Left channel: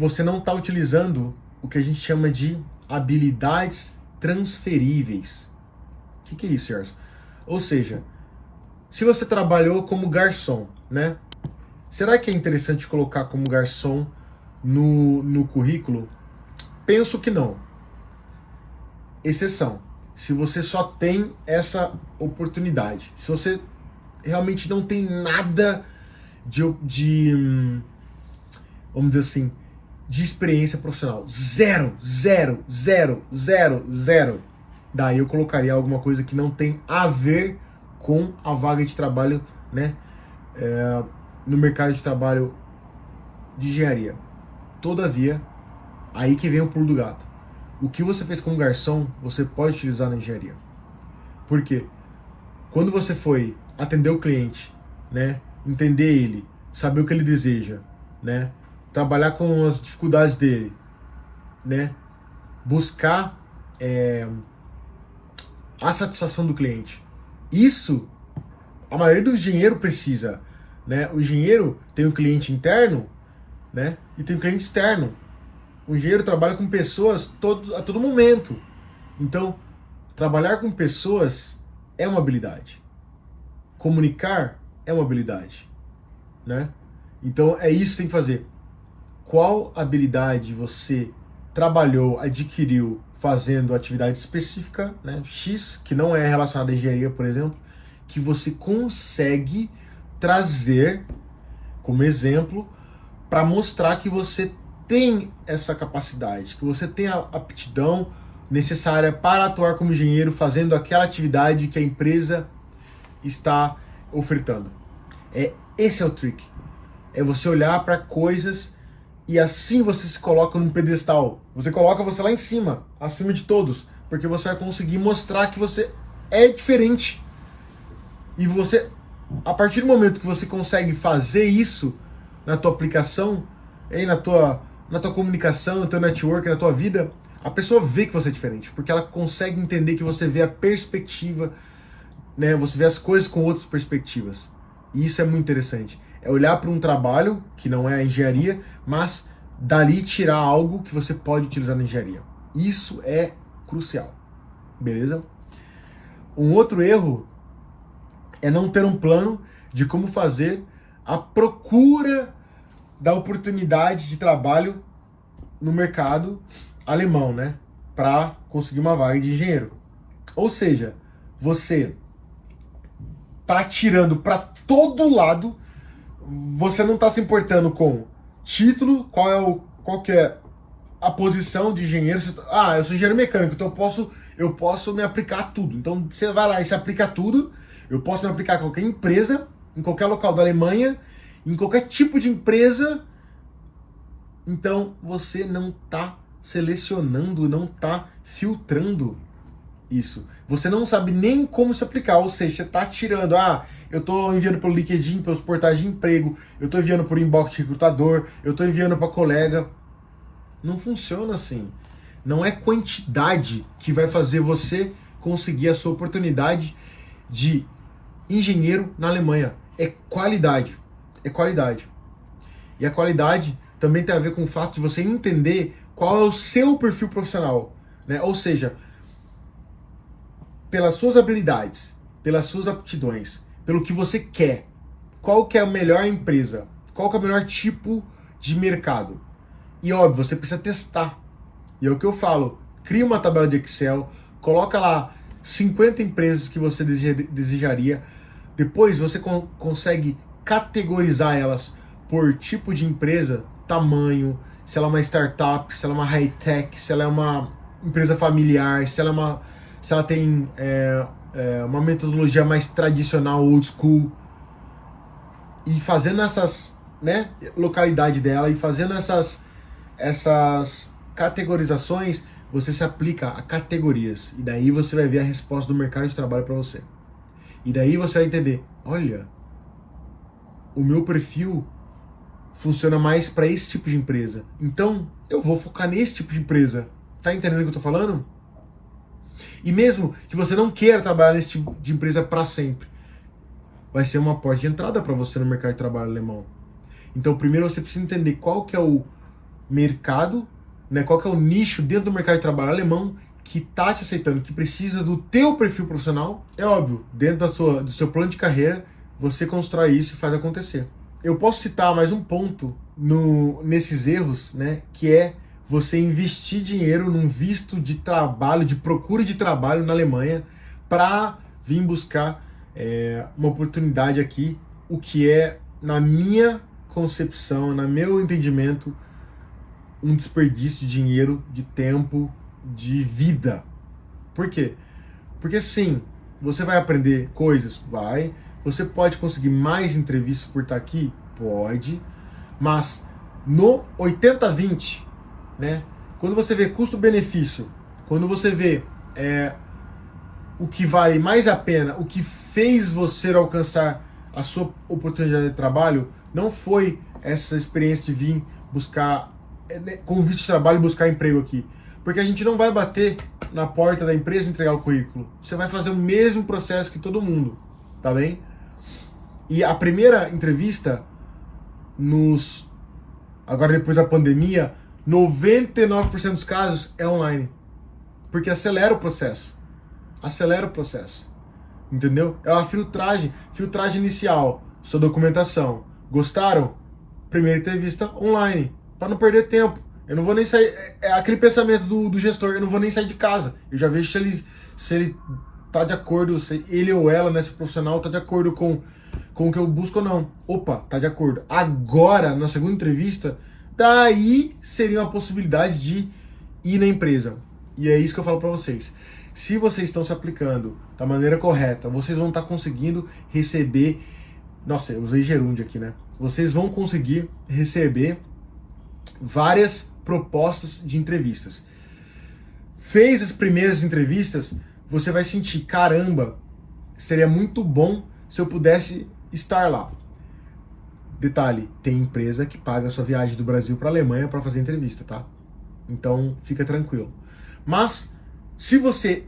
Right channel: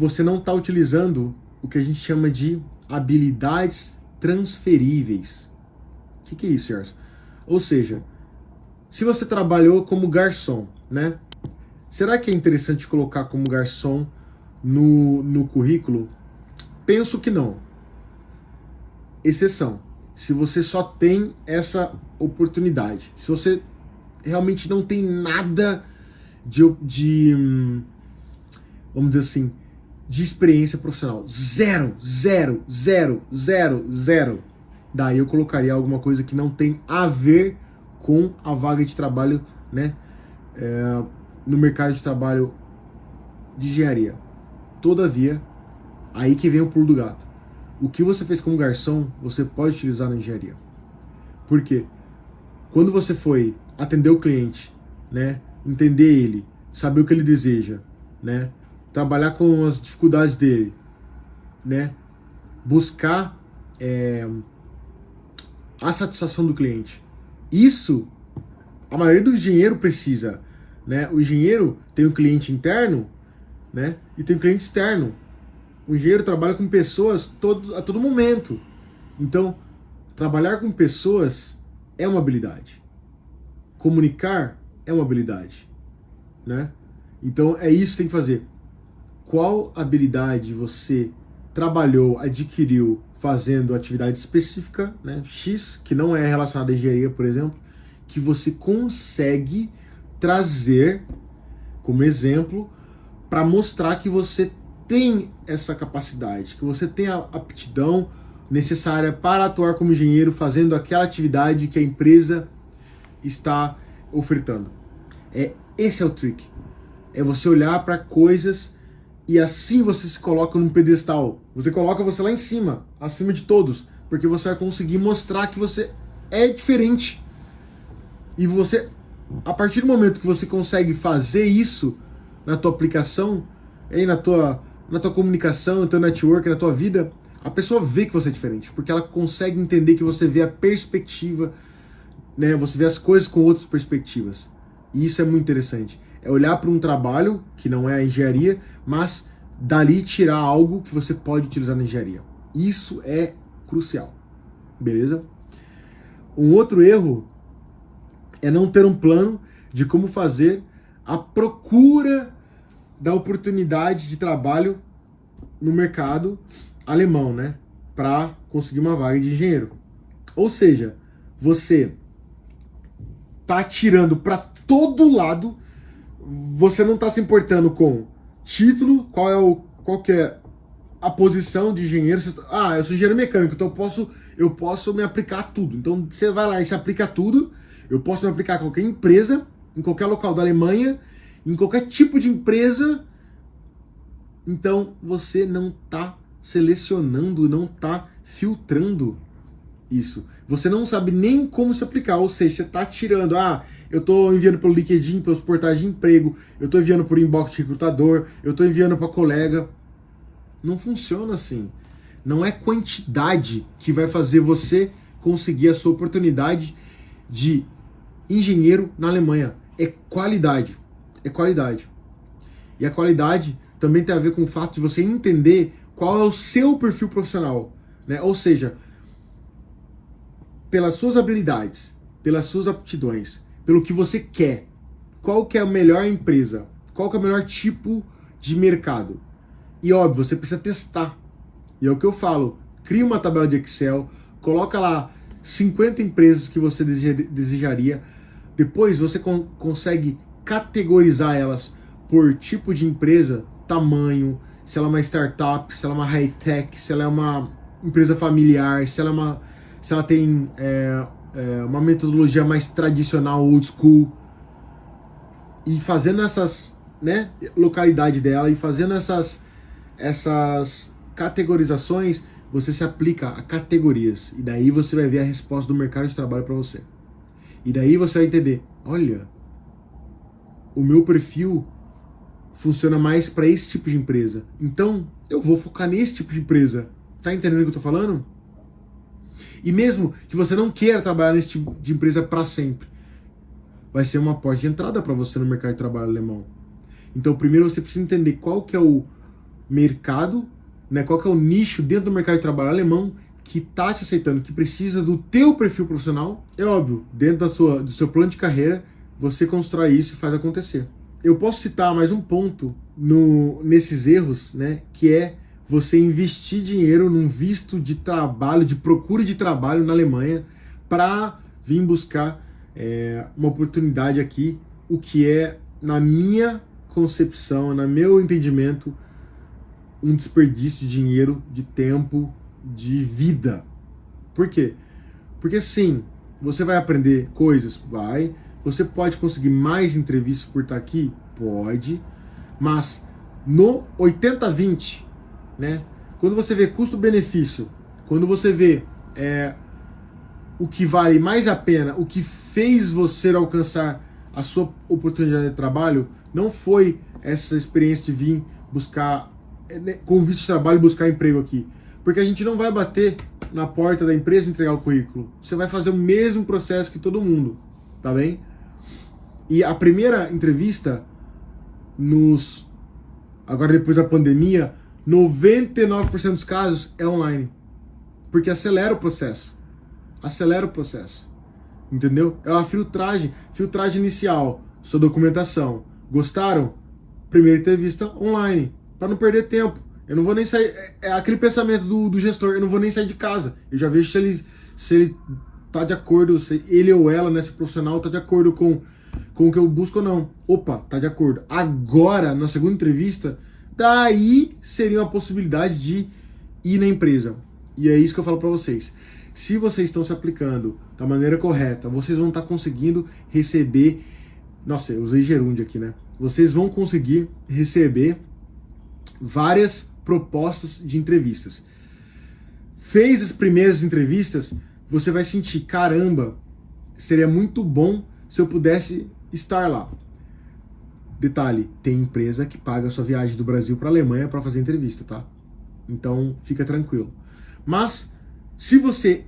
você não está utilizando o que a gente chama de habilidades transferíveis. O que é isso, Gerson? Ou seja, se você trabalhou como garçom, né? Será que é interessante colocar como garçom no currículo? Penso que não. Exceção. Se você só tem essa oportunidade. Se você realmente não tem nada de vamos dizer assim, de experiência profissional. Zero, zero, zero, zero, zero. Daí eu colocaria alguma coisa que não tem a ver com a vaga de trabalho, né? No mercado de trabalho de engenharia. Todavia, aí que vem o pulo do gato. O que você fez como garçom, você pode utilizar na engenharia. Por quê? Quando você foi atender o cliente, né? Entender ele, saber o que ele deseja, né? Trabalhar com as dificuldades dele, né? Buscar a satisfação do cliente. Isso, a maioria do engenheiro precisa, né? O engenheiro tem um cliente interno, né? E tem um cliente externo. O engenheiro trabalha com pessoas a todo momento. Então, trabalhar com pessoas é uma habilidade. Comunicar é uma habilidade, né? Então, é isso que tem que fazer. Qual habilidade você trabalhou, adquiriu fazendo atividade específica, né, X, que não é relacionada à engenharia, por exemplo, que você consegue trazer como exemplo para mostrar que você tem essa capacidade, que você tem a aptidão necessária para atuar como engenheiro fazendo aquela atividade que a empresa está ofertando. Esse é o trick. É você olhar para coisas e assim você se coloca num pedestal. Você coloca você lá em cima, acima de todos, porque você vai conseguir mostrar que você é diferente. E você, a partir do momento que você consegue fazer isso na tua aplicação, na tua comunicação, no teu network, na tua vida, a pessoa vê que você é diferente, porque ela consegue entender que você vê a perspectiva, né? Você vê as coisas com outras perspectivas. E isso é muito interessante. É olhar para um trabalho que não é a engenharia, mas dali tirar algo que você pode utilizar na engenharia. Isso é crucial. Beleza? Um outro erro é não ter um plano de como fazer a procura da oportunidade de trabalho no mercado alemão, né? Para conseguir uma vaga de engenheiro. Ou seja, você tá atirando para todo lado, você não tá se importando com título, qual que é a posição de engenheiro. Eu sou engenheiro mecânico, então eu posso me aplicar a tudo. Então você vai lá e se aplica a tudo. Eu posso me aplicar a qualquer empresa, em qualquer local da Alemanha, em qualquer tipo de empresa. Então você não tá selecionando, não tá filtrando isso. Você não sabe nem como se aplicar, ou seja, você tá tirando, eu tô enviando pelo LinkedIn, pelos portais de emprego, eu tô enviando por inbox de recrutador, eu tô enviando para colega. Não funciona assim. Não é quantidade que vai fazer você conseguir a sua oportunidade de engenheiro na Alemanha. É qualidade. É qualidade. E a qualidade também tem a ver com o fato de você entender qual é o seu perfil profissional, né? Ou seja, pelas suas habilidades, pelas suas aptidões, pelo que você quer, qual que é a melhor empresa, qual que é o melhor tipo de mercado. E óbvio, você precisa testar. E é o que eu falo, cria uma tabela de Excel, coloca lá 50 empresas que você desejaria, depois você consegue categorizar elas por tipo de empresa, tamanho, se ela é uma startup, se ela é uma high-tech, se ela é uma empresa familiar, se ela tem uma metodologia mais tradicional, old school, e fazendo essas, né, localidade dela, e fazendo essas categorizações, você se aplica a categorias, e daí você vai ver a resposta do mercado de trabalho para você. E daí você vai entender, olha, o meu perfil funciona mais para esse tipo de empresa, então eu vou focar nesse tipo de empresa. Tá entendendo o que eu tô falando? E mesmo que você não queira trabalhar nesse tipo de empresa para sempre, vai ser uma porta de entrada para você no mercado de trabalho alemão. Então, primeiro você precisa entender qual que é o mercado, né? Qual que é o nicho dentro do mercado de trabalho alemão que tá te aceitando, que precisa do teu perfil profissional. É óbvio, dentro do seu plano de carreira, você constrói isso e faz acontecer. Eu posso citar mais um ponto nesses erros, né? Que é você investir dinheiro num visto de trabalho, de procura de trabalho na Alemanha, para vir buscar uma oportunidade aqui, o que é, na minha concepção, no meu entendimento, um desperdício de dinheiro, de tempo, de vida. Por quê? Porque sim, você vai aprender coisas, vai. Você pode conseguir mais entrevistas por estar aqui? Pode. Mas no 80-20, né? Quando você vê custo-benefício, quando você vê o que vale mais a pena, o que fez você alcançar a sua oportunidade de trabalho, não foi essa experiência de vir buscar, com visto de trabalho, buscar emprego aqui. Porque a gente não vai bater na porta da empresa e entregar o currículo. Você vai fazer o mesmo processo que todo mundo, tá bem? E a primeira entrevista, agora depois da pandemia, 99% dos casos é online. Porque acelera o processo. Entendeu? É uma filtragem inicial, sua documentação. Gostaram? Primeira entrevista online, para não perder tempo. Eu não vou nem sair, é aquele pensamento do gestor, eu não vou nem sair de casa. Eu já vejo se ele tá de acordo, se ele ou ela, né, esse profissional, tá de acordo com o que eu busco ou não. Opa, tá de acordo. Agora, na segunda entrevista, daí seria uma possibilidade de ir na empresa. E é isso que eu falo para vocês. Se vocês estão se aplicando da maneira correta, vocês vão estar conseguindo receber... Nossa, eu usei gerúndio aqui, né? Vocês vão conseguir receber várias propostas de entrevistas. Fez as primeiras entrevistas, você vai sentir, caramba, seria muito bom se eu pudesse estar lá. Detalhe, tem empresa que paga a sua viagem do Brasil para a Alemanha para fazer entrevista, tá? Então, fica tranquilo. Mas, se você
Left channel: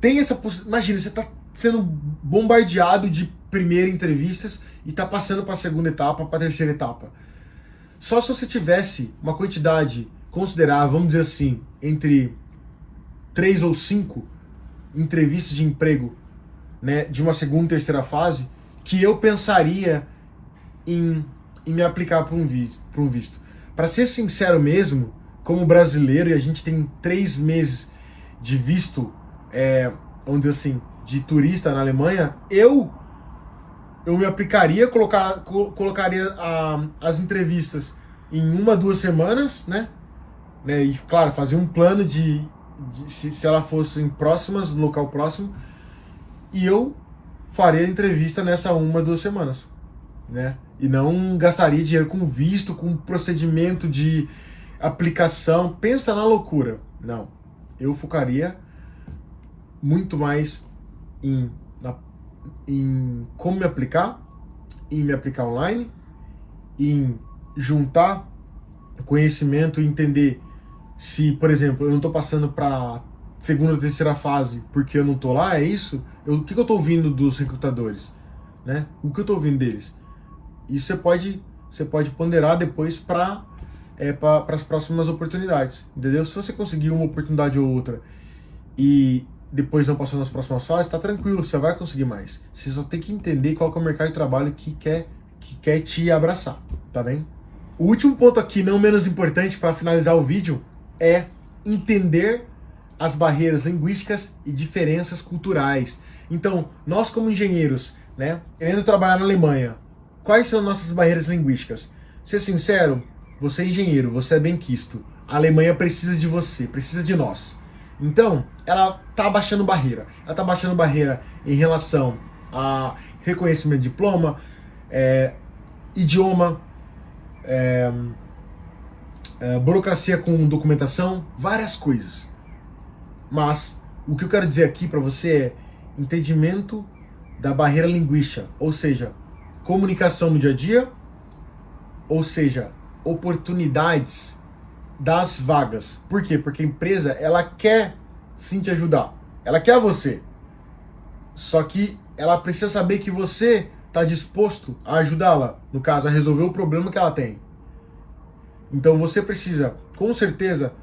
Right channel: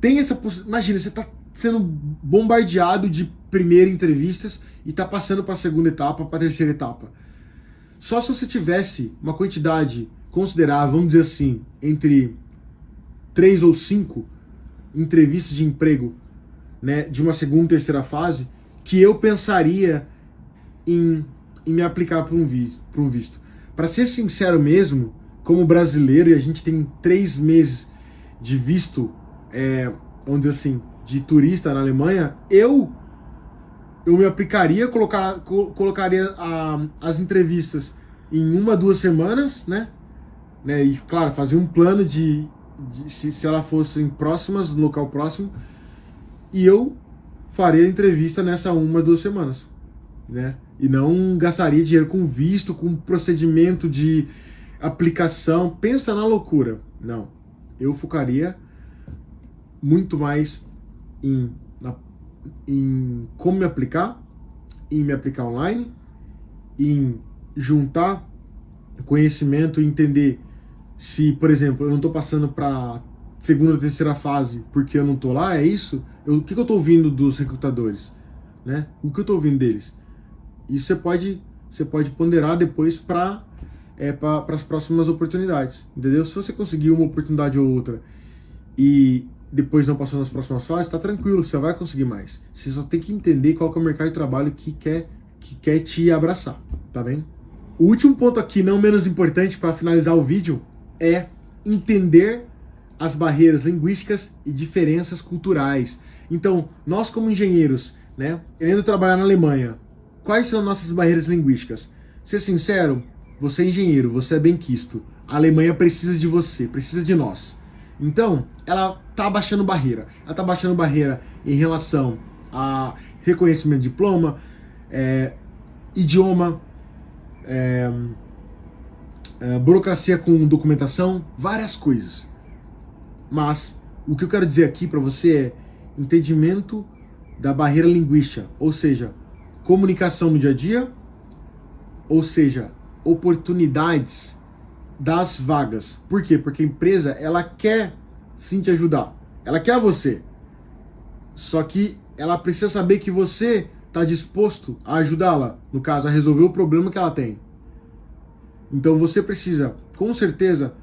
tem essa possibilidade... Imagina, você está sendo bombardeado de primeira entrevistas e está passando para a segunda etapa, para a terceira etapa. Só se você tivesse uma quantidade considerável, vamos dizer assim, entre 3 ou 5 entrevistas de emprego, né, de uma segunda e terceira fase, que eu pensaria em me aplicar para um visto. Para ser sincero mesmo, como brasileiro, e a gente tem 3 meses de visto, vamos dizer assim, de turista na Alemanha, eu me aplicaria, colocaria as entrevistas em 1 a 2 semanas, né? E, claro, fazer um plano se elas fossem próximas, no local próximo, e eu faria a entrevista nessa 1 a 2 semanas, né? E não gastaria dinheiro com visto, com procedimento de aplicação. Pensa na loucura. Não. Eu focaria muito mais em como me aplicar, em me aplicar online, em juntar conhecimento e entender se, por exemplo, eu não estou passando para segunda ou terceira fase porque eu não estou lá, é isso? O que eu estou ouvindo dos recrutadores? Né? O que eu estou ouvindo deles? Isso você pode ponderar depois para as próximas oportunidades, entendeu? Se você conseguir uma oportunidade ou outra e depois não passou nas próximas fases, tá tranquilo, você vai conseguir mais. Você só tem que entender qual que é o mercado de trabalho que quer te abraçar, tá bem? O último ponto aqui, não menos importante para finalizar o vídeo, é entender as barreiras linguísticas e diferenças culturais. Então, nós como engenheiros, né, querendo trabalhar na Alemanha, quais são nossas barreiras linguísticas? Ser sincero, você é engenheiro, você é benquisto. A Alemanha precisa de você, precisa de nós. Então, ela está baixando barreira. Ela está baixando barreira em relação a reconhecimento de diploma, idioma, burocracia com documentação, várias coisas. Mas o que eu quero dizer aqui para você é entendimento da barreira linguística, ou seja, comunicação no dia a dia, ou seja, oportunidades das vagas. Por quê? Porque a empresa, ela quer sim te ajudar. Ela quer você. Só que ela precisa saber que você está disposto a ajudá-la, no caso, a resolver o problema que ela tem. Então você precisa, com certeza,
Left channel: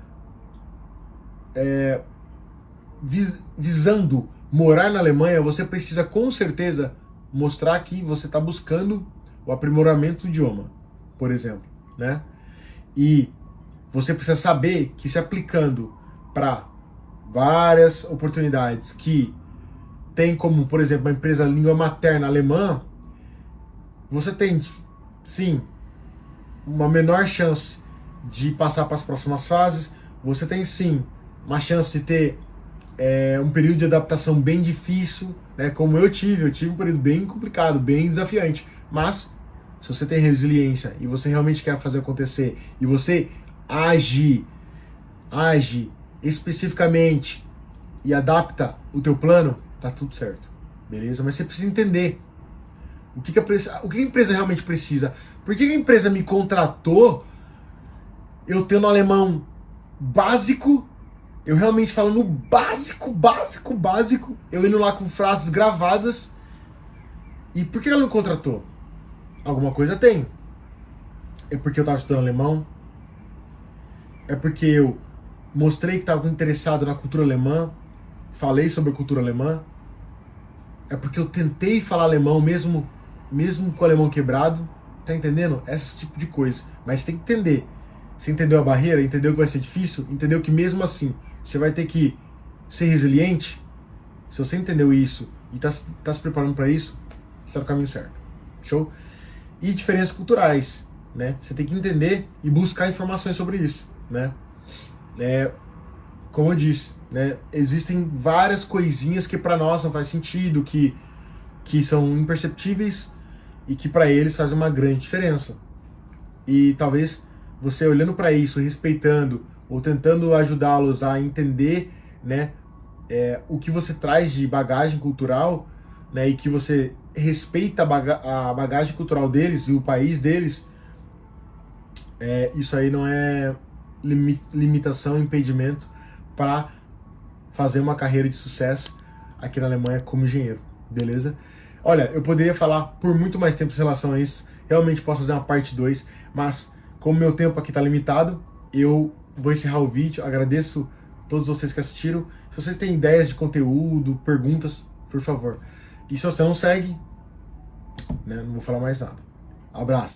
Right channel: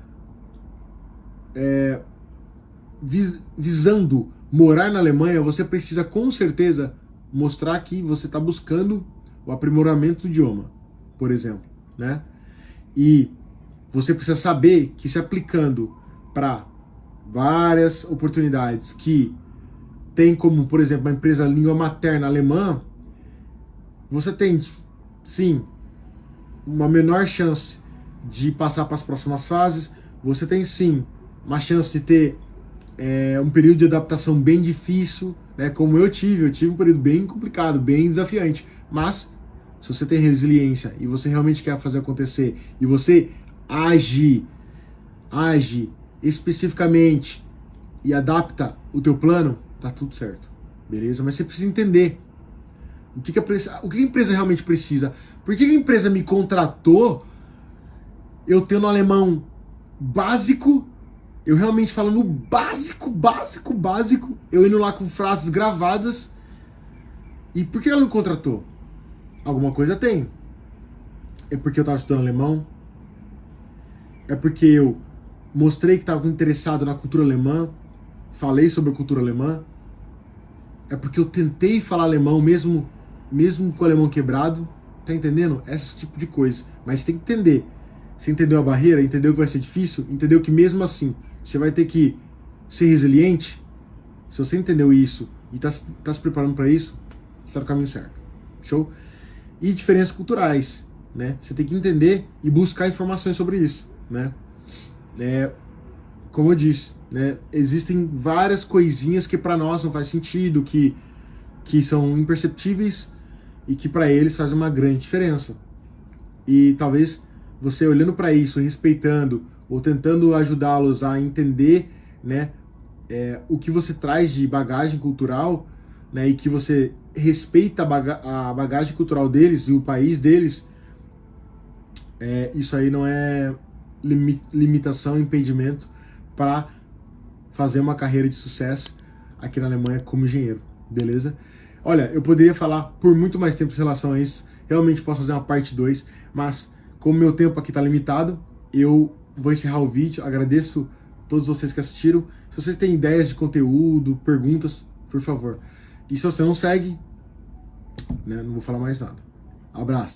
visando morar na Alemanha, você precisa com certeza mostrar que você está buscando o aprimoramento do idioma, por exemplo, né? E você precisa saber que se aplicando para várias oportunidades que tem como, por exemplo, uma empresa língua materna alemã, você tem, sim, uma menor chance de passar para as próximas fases, você tem, sim, uma chance de ter um período de adaptação bem difícil, né, como eu tive um período bem complicado, bem desafiante, mas se você tem resiliência e você realmente quer fazer acontecer e você age especificamente e adapta o teu plano, tá tudo certo, beleza? Mas você precisa entender o que a empresa realmente precisa. Por que a empresa me contratou eu tendo alemão básico, eu realmente falando básico, eu indo lá com frases gravadas, e por que ela me contratou? Alguma coisa tem. É porque eu tava estudando alemão? É porque eu mostrei que estava interessado na cultura alemã, falei sobre a cultura alemã? É porque eu tentei falar alemão mesmo com o alemão quebrado? Tá entendendo? Esse tipo de coisa. Mas tem que entender. Você entendeu a barreira? Entendeu que vai ser difícil? Entendeu que mesmo assim você vai ter que ser resiliente? Se você entendeu isso e tá se preparando para isso, você tá no caminho certo. Show? E diferenças culturais, né? Você tem que entender e buscar informações sobre isso, né? Como eu disse, né? Existem várias coisinhas que para nós não faz sentido, que são imperceptíveis e que para eles fazem uma grande diferença. E talvez você olhando para isso, respeitando ou tentando ajudá-los a entender, né, o que você traz de bagagem cultural, né, e que você respeita a bagagem cultural deles e o país deles, isso aí não é limitação, impedimento para fazer uma carreira de sucesso aqui na Alemanha como engenheiro, beleza? Olha, eu poderia falar por muito mais tempo em relação a isso, realmente posso fazer uma parte 2, mas como meu tempo aqui está limitado, eu vou encerrar o vídeo. Agradeço a todos vocês que assistiram. Se vocês têm ideias de conteúdo, perguntas, por favor. E se você não segue, né, não vou falar mais nada. Abraço.